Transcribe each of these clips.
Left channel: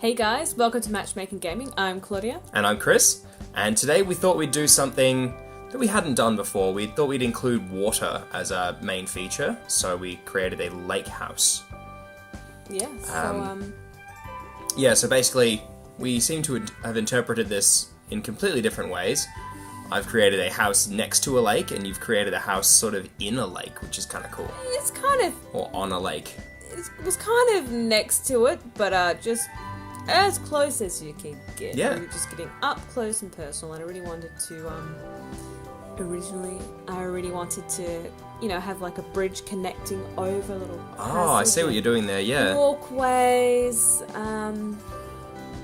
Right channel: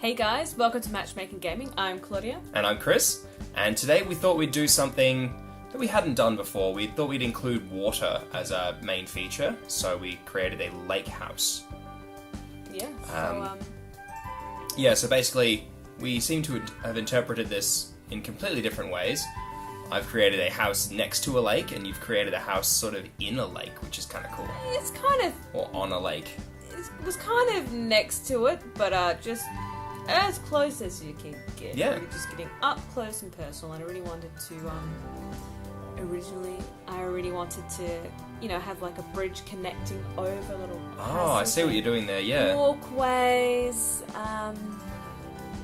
Hey guys, welcome to Matchmaking Gaming. I'm Claudia. And I'm Chris, and today we thought we'd do something that we hadn't done before. We thought we'd include water as our main feature, so we created a lake house. Yeah, so basically, we seem to have interpreted this in completely different ways. I've created a house next to a lake, and you've created a house sort of in a lake, which is kind of cool. It's kind of... Or on a lake. It was kind of next to it, but just as close as you could get. Yeah. We were just getting up close and personal, and I really wanted to, I really wanted to, have like a bridge connecting over little... Oh, I see what you're doing there, yeah. Walkways,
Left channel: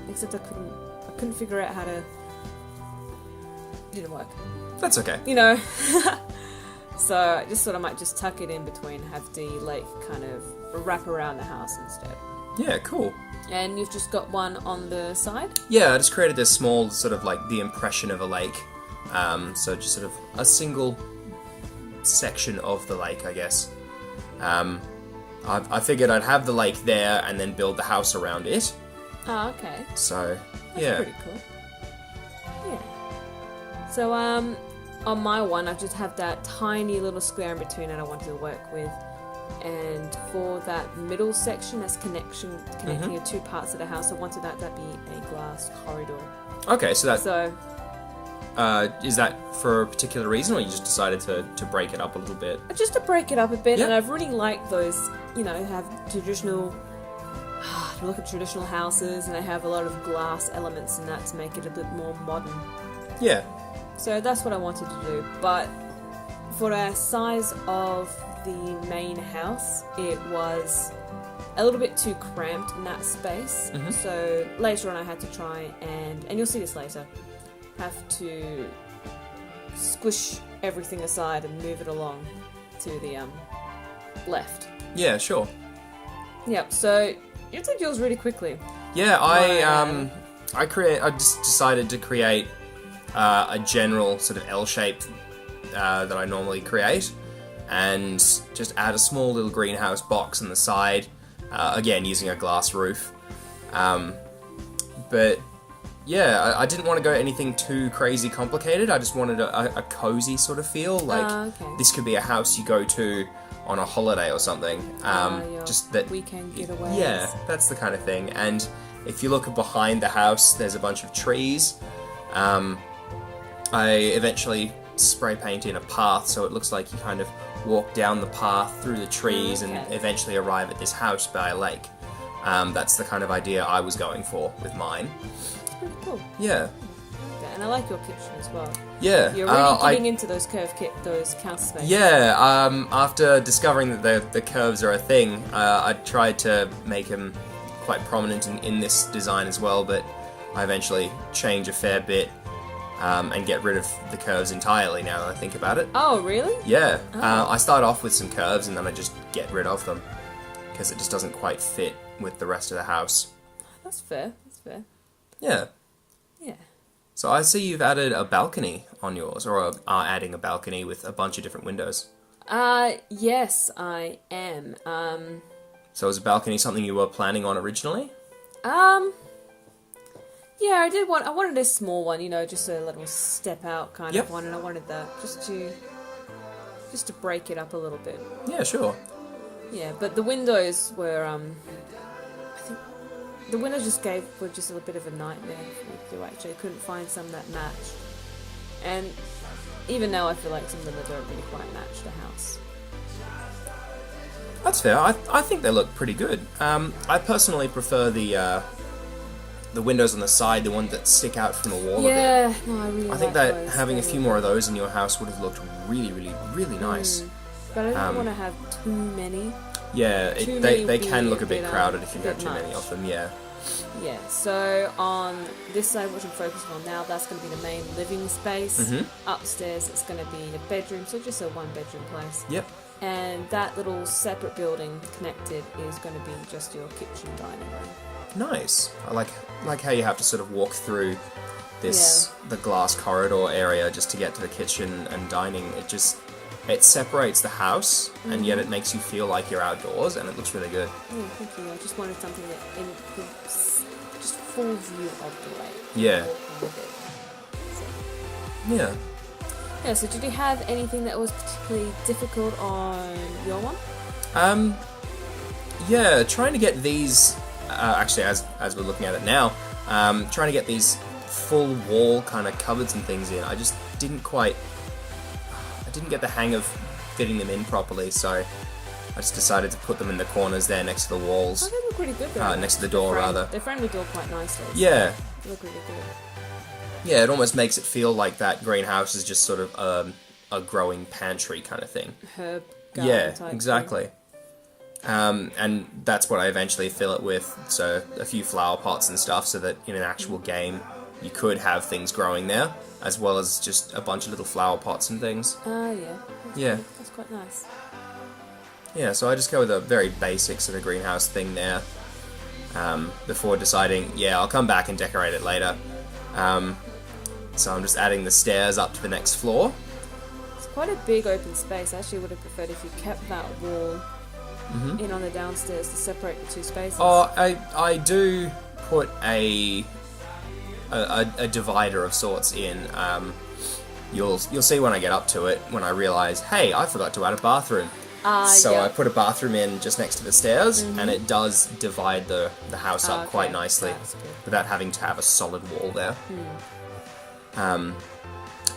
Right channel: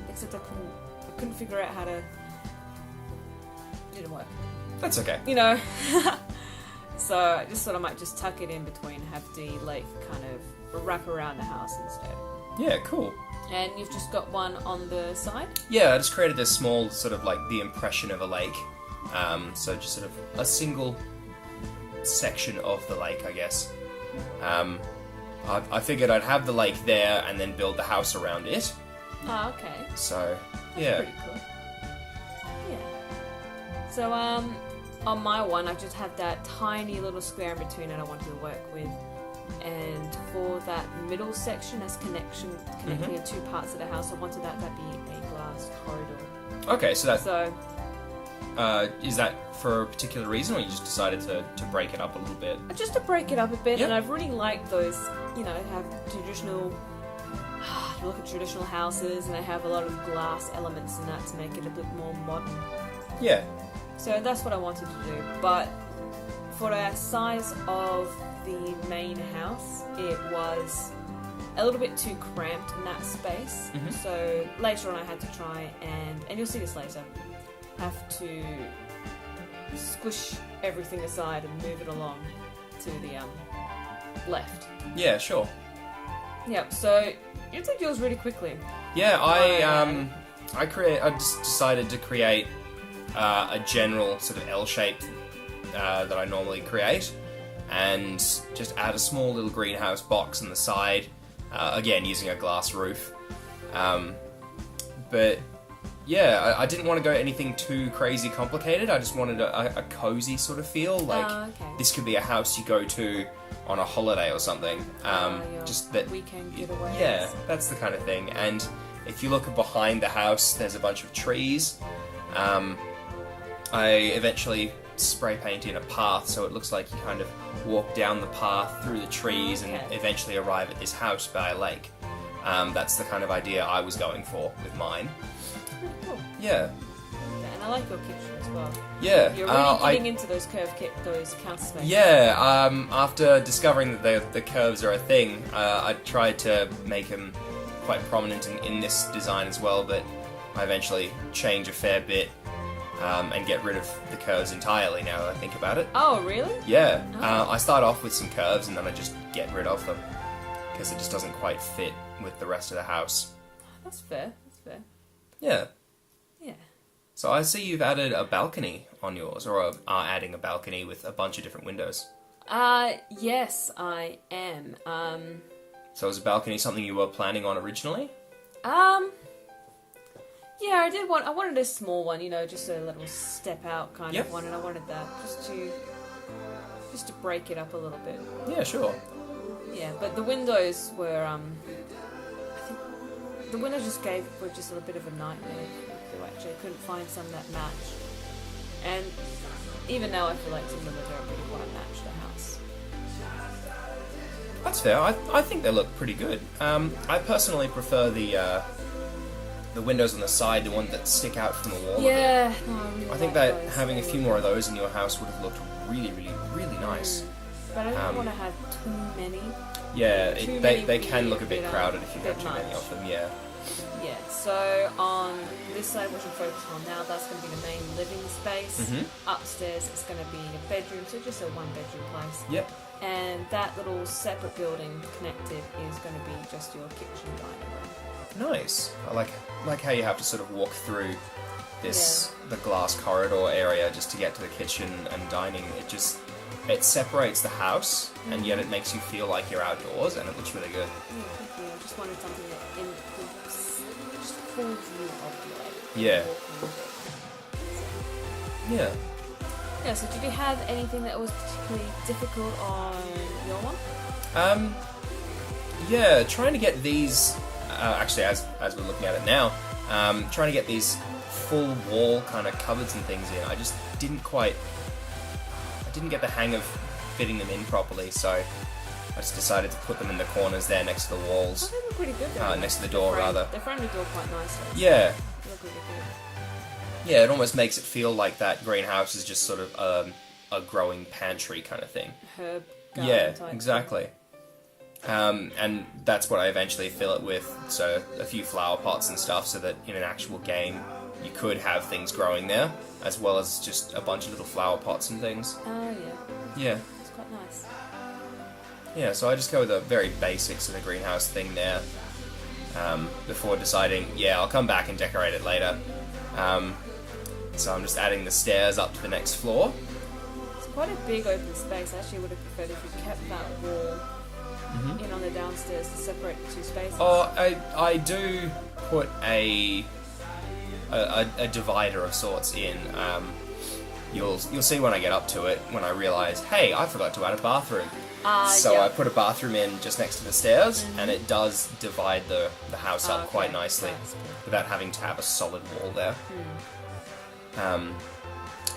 except I couldn't figure out how to... didn't work. That's okay. So I just thought I might just tuck it in between, have the lake kind of wrap around the house instead. Yeah, cool. And you've just got one on the side? Yeah, I just created this small sort of like the impression of a lake. So just sort of a single section of the lake, I guess. I figured I'd have the lake there and then build the house around it. Oh, okay. So, That's yeah. pretty cool. Yeah. So, on my one, I just have that tiny little square in between that I wanted to work with. And for that middle section, that's connecting the two parts of the house, I wanted that to be a glass corridor. Okay, so that... So... is that for a particular reason, or you just decided to break it up a little bit? Just to break it up a bit, Yeah. and I've really liked those, have traditional... You look at traditional houses, and they have a lot of glass elements in that to make it a bit more modern. Yeah. So that's what I wanted to do, but for the size of the main house, it was a little bit too cramped in that space. Mhm. So later on I had to try and you'll see this later, have to squish everything aside and move it along to the left. Yeah, sure. Yep, so you did yours really quickly. Yeah, I just decided to create a general sort of L shape that I normally create, and just add a small little greenhouse box on the side, again using a glass roof. But yeah, I didn't want to go anything too crazy complicated. I just wanted a cozy sort of feel, like Okay. this could be a house you go to on a holiday or something. Just that weekend getaways. Yeah, that's the kind of thing. And if you look behind the house, there's a bunch of trees. I eventually spray paint in a path, so it looks like you kind of walk down the path through the trees and eventually arrive at this house by a lake. That's the kind of idea I was going for with mine. Oh, cool. Yeah. Yeah, and I like your kitchen as well. Yeah. You're really getting into those those counter spaces. Yeah, after discovering that the curves are a thing, I tried to make them quite prominent in this design as well, but I eventually change a fair bit and get rid of the curves entirely now that I think about it. Oh, really? Yeah, Oh. I start off with some curves and then I just get rid of them because it just doesn't quite fit with the rest of the house. That's fair. That's fair. Yeah. Yeah. So I see you've added a balcony on yours, or are adding a balcony with a bunch of different windows. Yes, I am. So is a balcony something you were planning on originally? Yeah, I wanted a small one, just a little step out kind Yep. of one, and I wanted that just to break it up a little bit. Yeah, sure. Yeah, but the windows were, I think the windows were just a bit of a nightmare. Like, you actually couldn't find some that match. And even now I feel like some of them don't really quite match the house. That's fair. I think they look pretty good. I personally prefer the windows on the side, the ones that stick out from the wall a bit. Yeah, no, I really I think like that those. having a few more of those in your house would have looked really, really, really nice. But I don't want to have too many. Yeah, Too many they would can be look a a bit bit, crowded if you bit have too many much. of them, yeah. Yeah, so on this side, which I'm focusing on now, that's going to be the main living space. Mhm. Upstairs, it's going to be a bedroom, so just a one-bedroom place. Yep. And that little separate building connected is going to be just your kitchen dining room. Nice. I like how you have to sort of walk through the glass corridor area just to get to the kitchen and dining. It separates the house, and yet it makes you feel like you're outdoors, and it looks really good. Yeah, thank you. I just wanted something that just full view of the lake. Yeah. Yeah. Yeah, so did you have anything that was particularly difficult on your one? Yeah, trying to get these, actually as we're looking at it now, trying to get these full wall kind of cupboards and things in, I just didn't get the hang of fitting them in properly, so I just decided to put them in the corners there next to the walls. I think they're pretty good though. Next to the door, rather. They frame the door quite nicely. Yeah. They're pretty good. Yeah, it almost makes it feel like that greenhouse is just sort of a growing pantry kind of thing. Herb garden Yeah, type exactly. And that's what I eventually fill it with, so a few flower pots and stuff, so that in an actual game you could have things growing there, as well as just a bunch of little flower pots and things. Oh, yeah. Yeah. That's quite nice. Yeah, so I just go with a very basic sort of greenhouse thing there, before deciding, yeah, I'll come back and decorate it later. So I'm just adding the stairs up to the next floor. It's quite a big open space. I actually would have preferred if you kept that wall in on the downstairs to separate the two spaces. Oh, I do put a divider of sorts in. You'll see when I get up to it, when I realise, hey, I forgot to add a bathroom. So yeah. I put a bathroom in just next to the stairs, and it does divide the house up quite nicely, That's good. without having to have a solid wall there.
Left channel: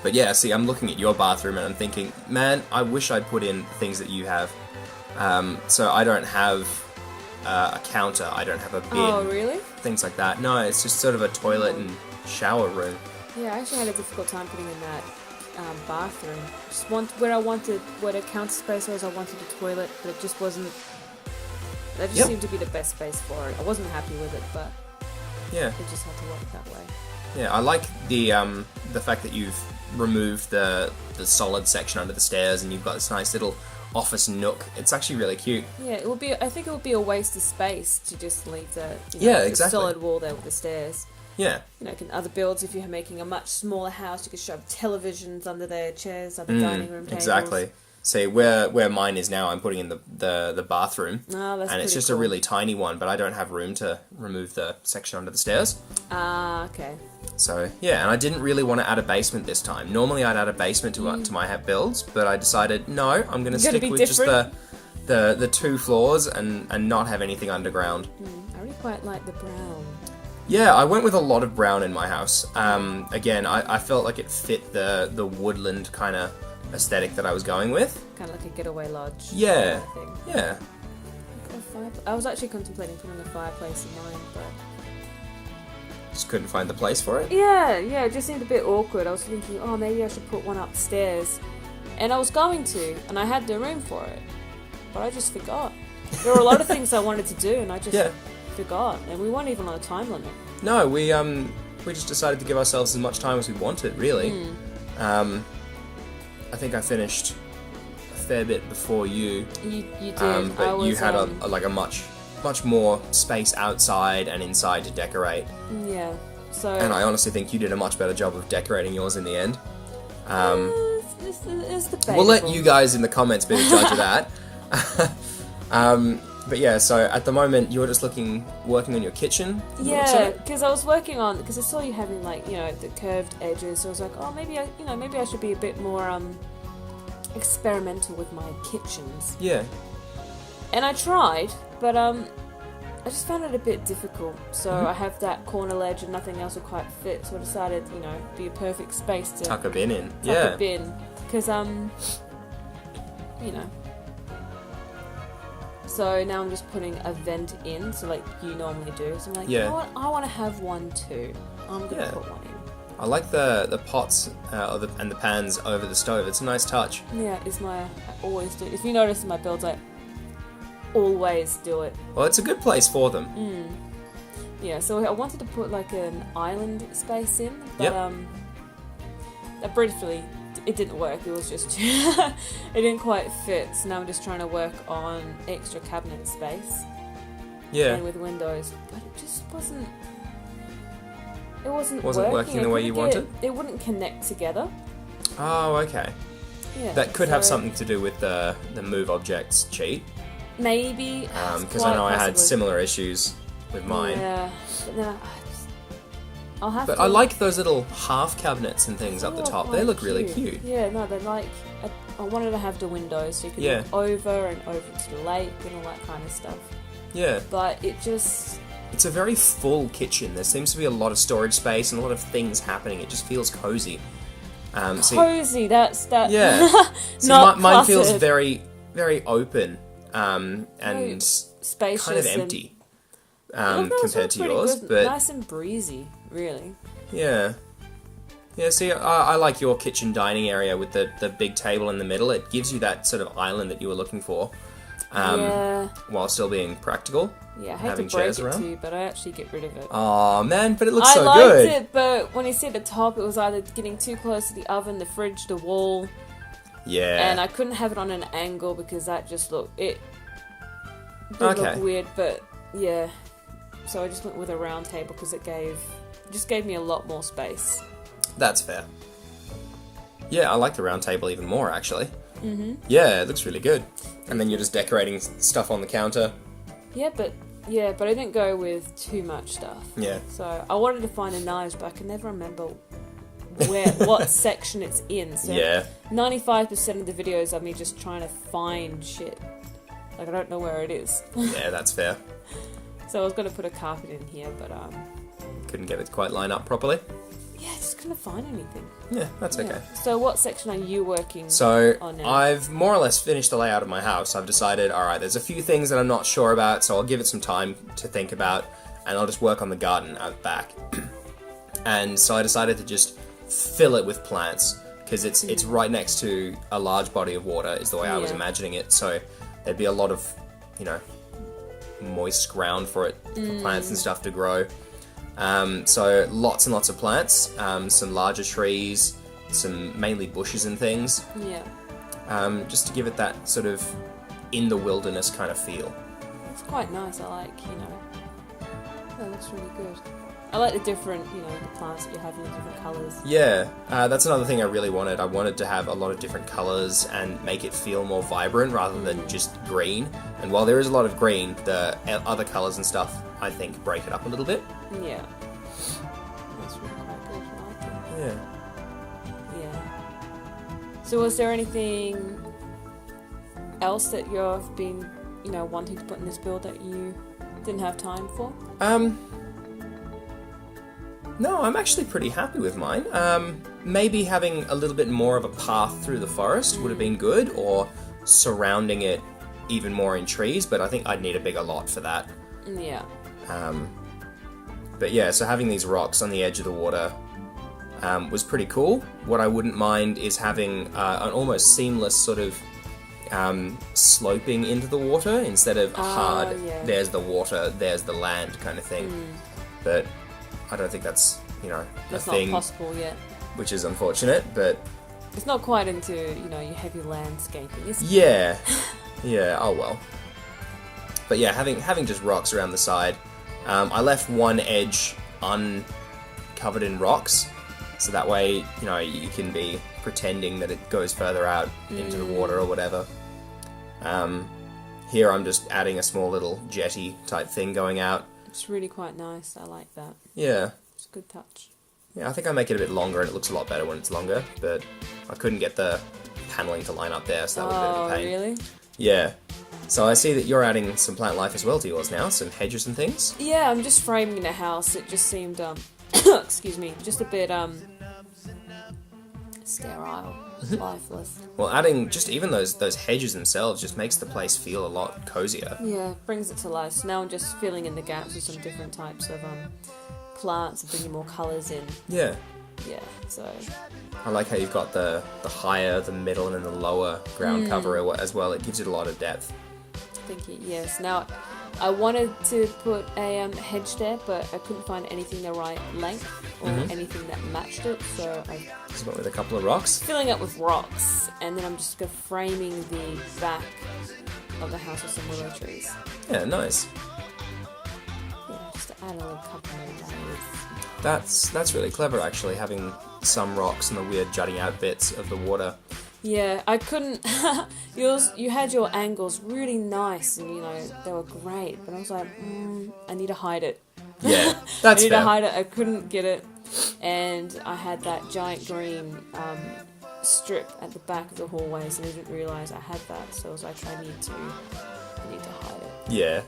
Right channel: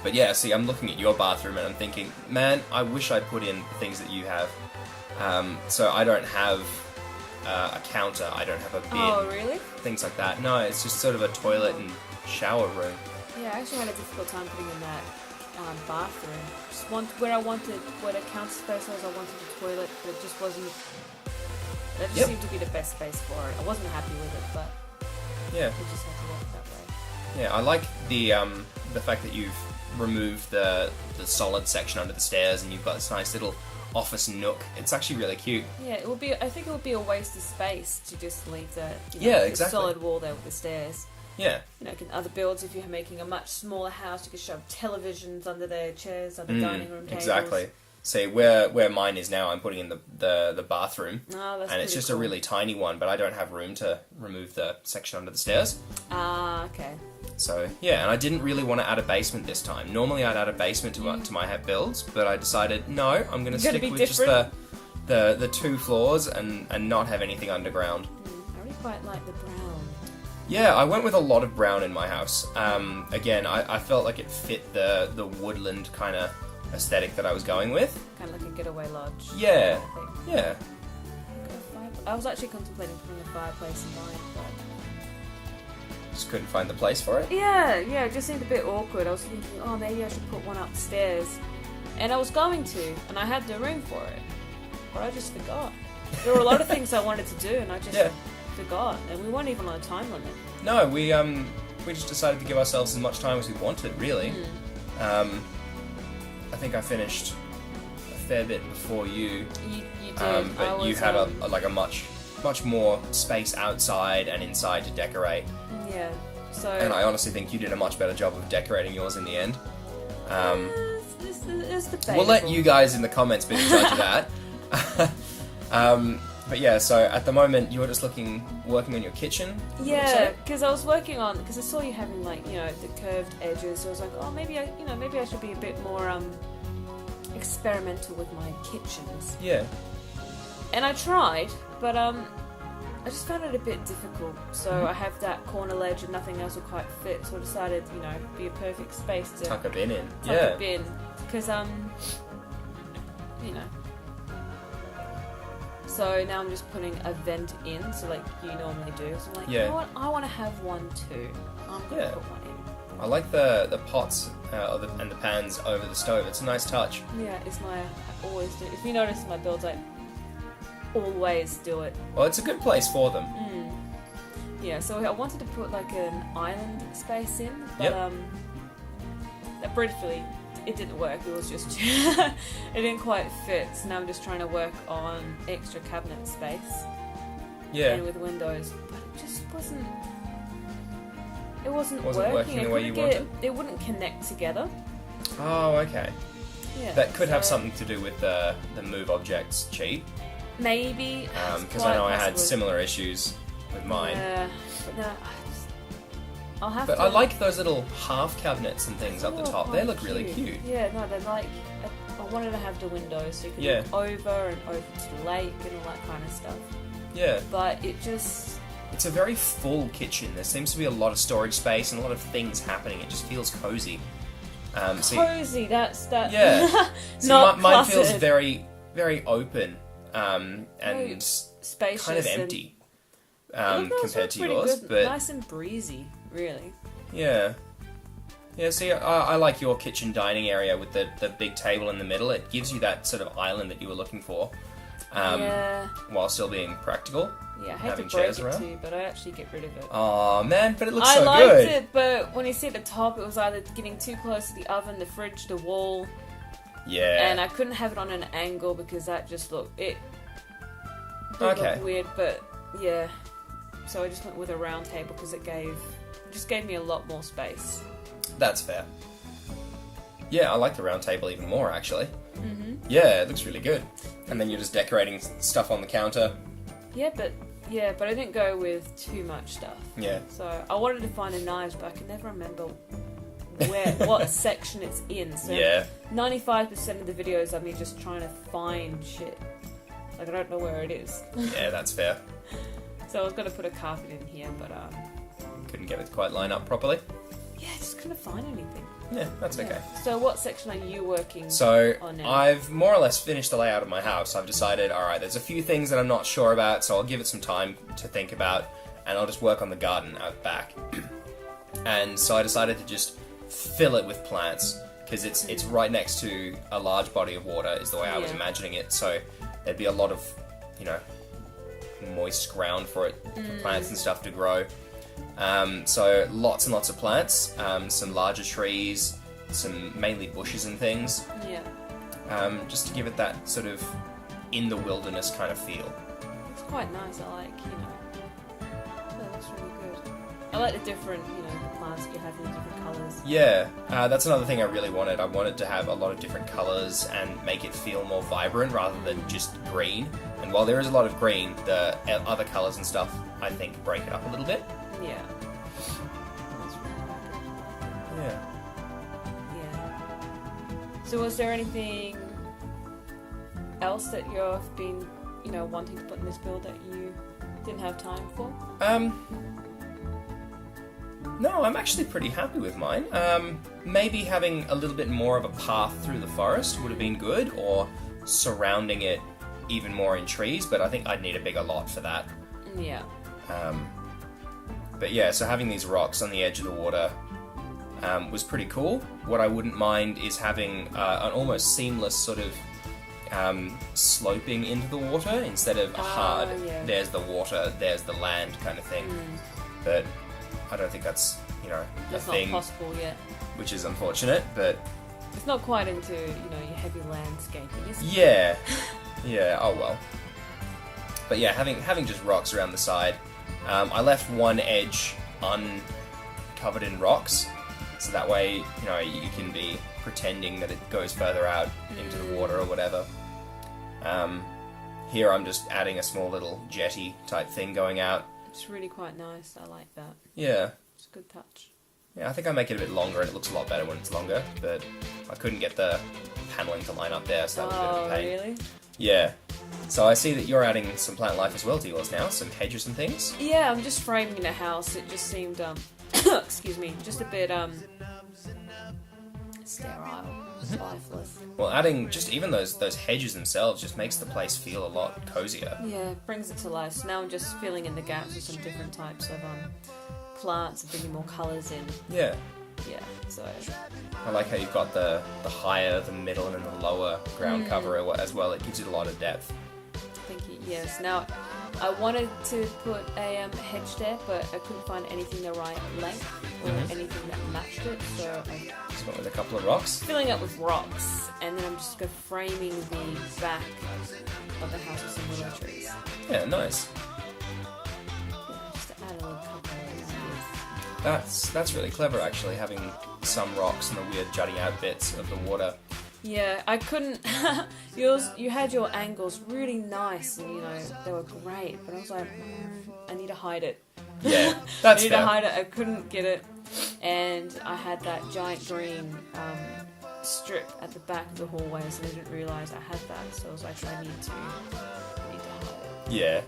But yeah, see, I'm looking at your bathroom and I'm thinking, man, I wish I'd put in things that you have. So I don't have a counter, I don't have a bin, Oh, really? things like that. No, it's just sort of a toilet and shower room. Yeah, I actually had a difficult time putting in that bathroom. Just where the counter space was, I wanted a toilet, but it just wasn't. That just seemed to be the best space for it. I wasn't happy with it, but Yeah. it just had to work that way. Yeah, I like the fact that you've removed the solid section under the stairs and you've got this nice little office nook. It's actually really cute. Yeah, it would be. I think it would be a waste of space to just leave the Yeah, the exactly. solid wall there with the stairs. Yeah. Other builds, if you're making a much smaller house, you could shove televisions under there, chairs, other dining room tables. Exactly. See, where mine is now, I'm putting in the bathroom, Oh, that's and it's pretty just cool. a really tiny one, but I don't have room to remove the section under the stairs. Ah, okay. So, yeah, and I didn't really want to add a basement this time. Normally I'd add a basement to my builds, but I decided, no, I'm going to stick with just the 2 floors and not have anything underground. I really quite like the brown. Yeah, I went with a lot of brown in my house. Again, I felt like it fit the woodland kind of aesthetic that I was going with. Kind of like a getaway lodge. Yeah, kind of thing. yeah. I was actually contemplating putting a fireplace in mine, but Just couldn't find the place for it. yeah, it just seemed a bit awkward. I was thinking, oh, maybe I should put one upstairs, and I was going to, and I had the room for it, but I just forgot. There were a lot of things I wanted to do, and I just forgot, and we weren't even on a time limit. No, we just decided to give ourselves as much time as we wanted, really. I think I finished a fair bit before you. You did. But you had a much more space outside and inside to decorate. Yeah. So. And I honestly think you did a much better job of decorating yours in the end. It's debatable. We'll let you guys in the comments be the judge of that. But yeah, so at the moment you're just working on your kitchen. Yeah, because I was working on, because I saw you having the curved edges. So I was like, oh, maybe I should be a bit more experimental with my kitchens. Yeah. And I tried, but I just found it a bit difficult. So I have that corner ledge and nothing else would quite fit. So I decided, be a perfect space to Tuck a bin in. tuck a bin, because So now I'm just putting a vent in, so like you normally do. So I'm like, you know what? I want to have one too. I'm gonna put one in. I like the pots and the pans over the stove. It's a nice touch. Yeah, I always do. If you notice in my builds, I always do it. Well, it's a good place for them. Yeah, so I wanted to put like an island space in, but that briefly it didn't work. It was just it didn't quite fit. So now I'm just trying to work on extra cabinet space. Yeah. And with windows, but it just wasn't. It wasn't working the way you wanted. It wouldn't connect together. Oh, okay. Yeah. That could have something to do with the move objects cheat. Maybe. Because I know I had similar issues with mine. Yeah, but no, I'll have But to. I like those little half cabinets and things up the They're top. quite They look really cute. Yeah, no, they're like. I wanted to have the windows so you could Yeah. look over and over to the lake and all that kind of stuff. Yeah. But it just. It's a very full kitchen. There seems to be a lot of storage space and a lot of things happening. It just feels cozy. Cozy, that's that. Yeah. Not mine feels cluttered. very, very open and Spacious kind of and- empty It feels compared to pretty yours. good. But Nice and breezy, really. yeah. Yeah, see, I like your kitchen dining area with the big table in the middle. It gives you that sort of island that you were looking for. Yeah. While still being practical. Yeah, I hate to having break chairs it around. to you, but I actually get rid of it. Oh man, but it looks I so liked good. it, but when you see at the top, it was either getting too close to the oven, the fridge, the wall, Yeah. and I couldn't have it on an angle because that just looked it did Okay. look weird. But yeah, so I just went with a round table because it just gave me a lot more space. That's fair. Yeah, I like the round table even more, actually. Mm-hmm. Yeah, it looks really good. And then you're just decorating stuff on the counter. Yeah, but I didn't go with too much stuff. Yeah. So I wanted to find a knives, but I can never remember what section it's in. So Yeah. 95% of the videos are me just trying to find shit. Like I don't know where it is. Yeah, that's fair. So I was gonna put a carpet in here, but Couldn't get it to quite line up properly. yeah, I just couldn't find anything. Yeah, that's okay. Yeah. So what section are you working So, on now? I've more or less finished the layout of my house. I've decided, alright, there's a few things that I'm not sure about, so I'll give it some time to think about, and I'll just work on the garden out back. And so I decided to just fill it with plants, because it's right next to a large body of water, is the way I was Yeah. imagining it, so there'd be a lot of, moist ground for plants and stuff to grow. So lots and lots of plants, some larger trees, some mainly bushes and things, Yeah, just to give it that sort of in the wilderness kind of feel. it's quite nice. I like, it looks really good. I like the different, the plants that you have in the different colours. Yeah, that's another thing I really wanted. I wanted to have a lot of different colours and make it feel more vibrant rather than just green. And while there is a lot of green, the other colours and stuff, I think, break it up a little bit. Yeah. That's really quite good. I like it. Yeah. Yeah. So was there anything else that you've been, wanting to put in this build that you didn't have time for? No, I'm actually pretty happy with mine. Maybe having a little bit more of a path through the forest would have been good, or surrounding it even more in trees, but I think I'd need a bigger lot for that. Yeah. But yeah, so having these rocks on the edge of the water was pretty cool. What I wouldn't mind is having an almost seamless sort of sloping into the water instead of hard, yeah. there's the water, there's the land kind of thing. But I don't think that's, That's a not thing, possible yet. which is unfortunate, but It's not quite into, your heavy landscaping, is it? yeah. Yeah, oh well. But yeah, having just rocks around the side. I left one edge uncovered in rocks, so that way, you can be pretending that it goes further out into the water or whatever. Here I'm just adding a small little jetty type thing going out. It's really quite nice. I like that. Yeah. It's a good touch. Yeah, I think I make it a bit longer and it looks a lot better when it's longer, but I couldn't get the paneling to line up there, so that was a bit of a pain. Really? Yeah. So I see that you're adding some plant life as well to yours now, some hedges and things. Yeah, I'm just framing the house. It just seemed, excuse me, just a bit, sterile, lifeless. Well, adding just even those hedges themselves just makes the place feel a lot cozier. Yeah, brings it to life. So now I'm just filling in the gaps with some different types of, plants and bringing more colours in. Yeah. Yeah, so... I like how you've got the higher, the middle, and the lower ground cover as well. It gives it a lot of depth. Thank you. Yes. Now, I wanted to put a hedge there, but I couldn't find anything the right length or anything that matched it. So I'm Just went with a couple of rocks. filling it with rocks, and then I'm just framing the back of the house with some willow trees. Yeah, nice. Yeah, just to add a little couple more layers. That's really clever, actually, having some rocks and the weird jutting out bits of the water. Yeah, I couldn't. You had your angles really nice, and they were great. But I was like, I need to hide it. Yeah, I that's needed to fair. hide it. I couldn't get it, and I had that giant green strip at the back of the hallways, and I didn't realise I had that. So I was like, I need to hide it. Yeah,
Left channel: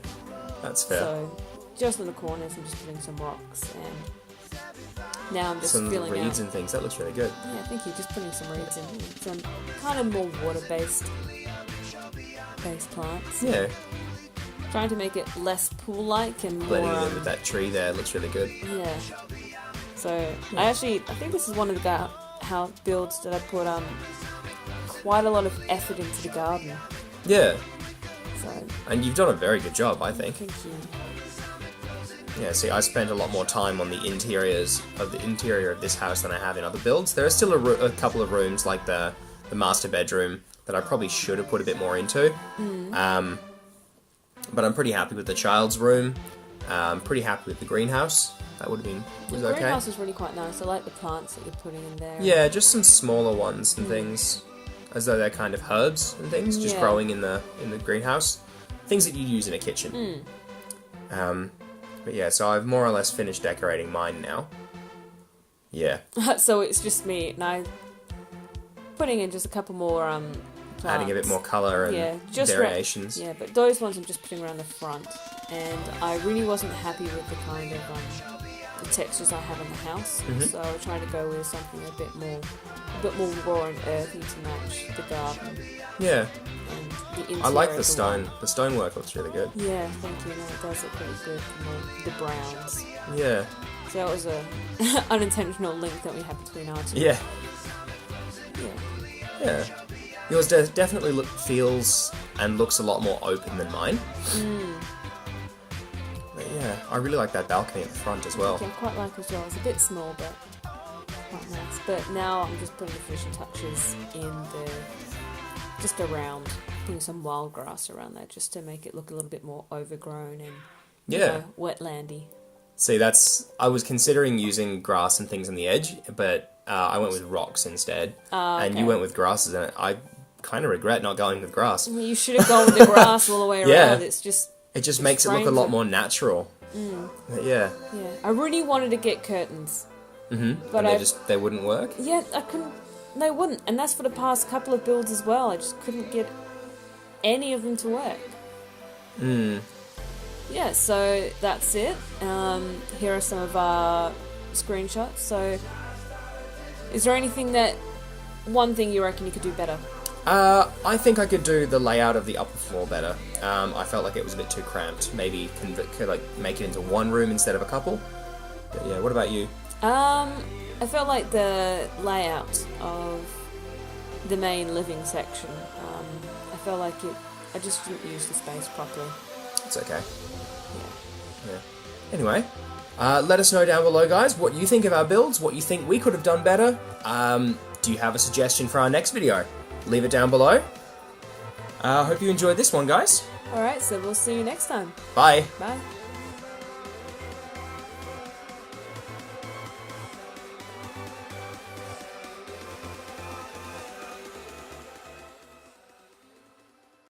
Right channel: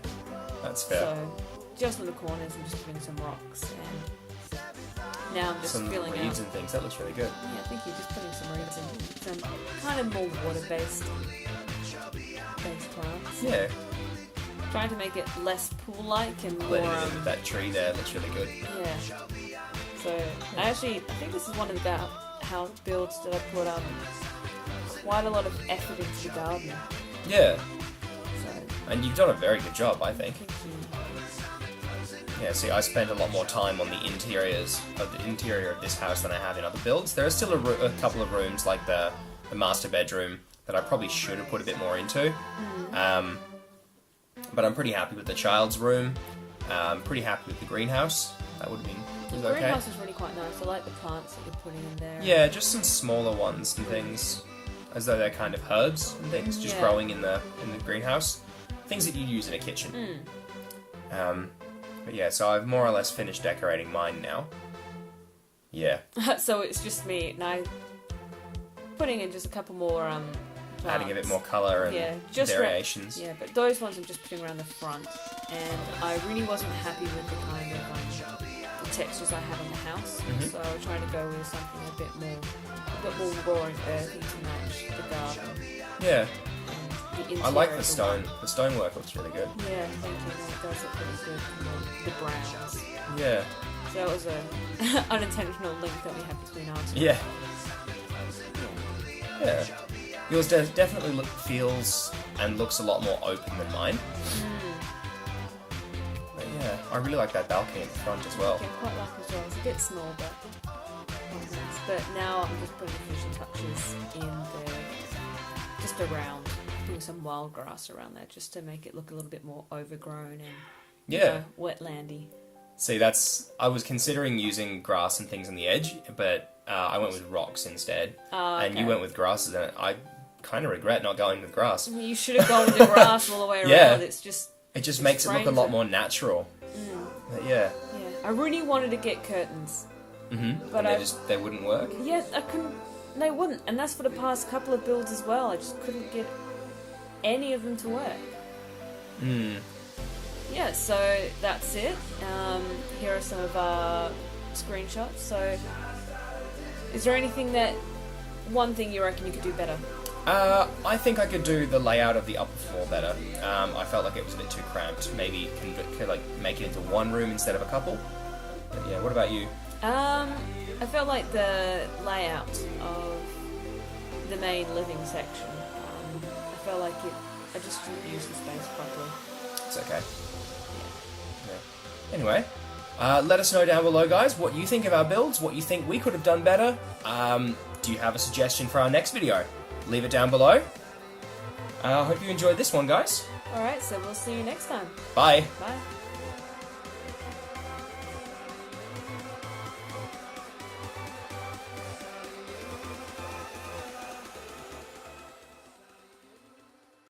that's fair. So just in the corners, I'm just putting some rocks, and now I'm just Some filling reeds out. and things. That looks really good. Yeah, I think you're just putting some reeds in, some kind of more water-based plants. Yeah, Trying to make it less pool-like and more. blending it in with that tree there looks really good. Yeah. So I think this is one of the house builds that I put quite a lot of effort into the garden. Yeah, So and you've done a very good job, I think. thank you. Yeah, see, I spent a lot more time on the interior of this house than I have in other builds. There are still a couple of rooms, like the master bedroom, that I probably should have put a bit more into. But I'm pretty happy with the child's room. I'm pretty happy with the greenhouse. That would have been The okay. greenhouse is really quite nice. I like the plants that you're putting in there. Yeah, just some smaller ones and things, as though they're kind of herbs and things, just Yeah. growing in the greenhouse. Things that you use in a kitchen. But yeah, so I've more or less finished decorating mine now. Yeah, So it's just me, and I putting in just a couple more plants. adding a bit more colour and Yeah, just variations. Yeah, but those ones I'm just putting around the front, and I really wasn't happy with the kind of the textures I have in the house. Mhm. So I was trying to go with something a bit more raw and earthy to match the garden Yeah, and the interior. I like the of stone. The stonework looks really good. Yeah, thank you. No, it does look pretty good. The browns. Yeah, So that was a unintentional link that we have between our two. yeah, Yeah. yeah. Yours definitely feels and looks a lot more open than mine. But yeah, I really like that balcony at the front as well. Okay, quite like as well. It's a bit small, but quite nice. But now I'm just putting the finishing touches in there, just around, putting some wild grass around there, just to make it look a little bit more overgrown and Yeah. wetlandy. See, I was considering using grass and things on the edge, but I went with rocks instead. And you okay. went with grasses, and I kind of regret not going with grass. You should have gone with the grass all the way around. Yeah. It's just It just makes it look a frames lot it. more natural. But yeah. yeah. I really wanted to get curtains. But And they wouldn't work? Yeah, I couldn't. They wouldn't, and that's for the past couple of builds as well. I just couldn't get any of them to work. Yeah, so that's it. Here are some of our screenshots. So, is there one thing you reckon you could do better? I think I could do the layout of the upper floor better. I felt like it was a bit too cramped. Maybe could make it into one room instead of a couple. But yeah, what about you? I felt like the layout of the main living section. I felt like I just didn't use the space properly. It's okay. Yeah. Anyway, let us know down below, guys, what you think of our builds, what you think we could have done better. Do you have a suggestion for our next video? Leave it down below. Hope you enjoyed this one, guys. Alright, so we'll see you next time. Bye. Bye.